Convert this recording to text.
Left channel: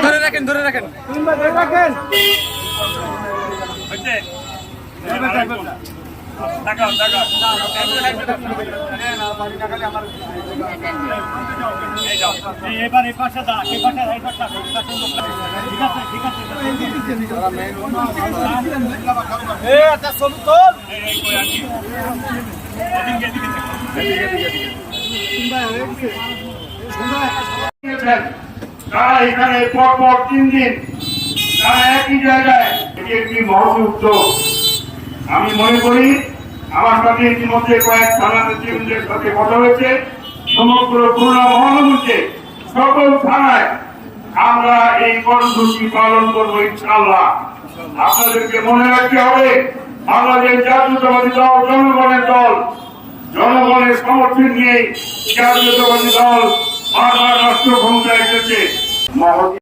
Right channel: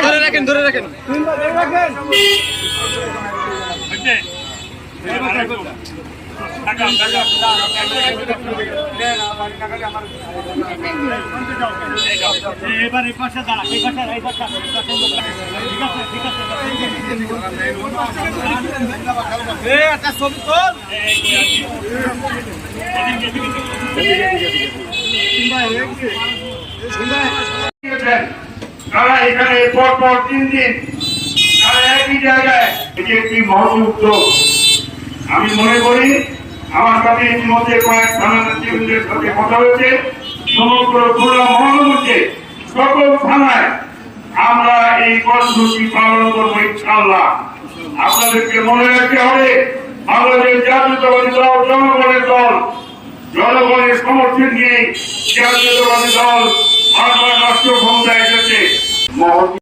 ধরে রাখেন ধরে এবার এই পাশে দাঁড়া এই পাশে এই পাশে ঠিক আছে ঠিক আছে এটা সমতল এদিকে এদিকে এখানে পর পর তিন দিন তারা একই জায়গায় এটি একটি উদ্যোগ আমি মনে করি আমার সাথে ইতিমধ্যে কয়েক নেতৃবৃন্দের সাথে কথা হয়েছে। সমগ্র খুলনা মহানগরীতে সকল থানায় আমরা এই কর্মসূচি পালন করব ইনশাআল্লাহ। আপনাদেরকে মনে রাখতে হবে, বাংলাদেশ জাতীয়তাবাদী দল, জনগণের দল, জনগণের সমর্থন নিয়ে জাতীয়তাবাদী দল বারবার রাষ্ট্র ক্ষমতায় এসেছে। মহৎ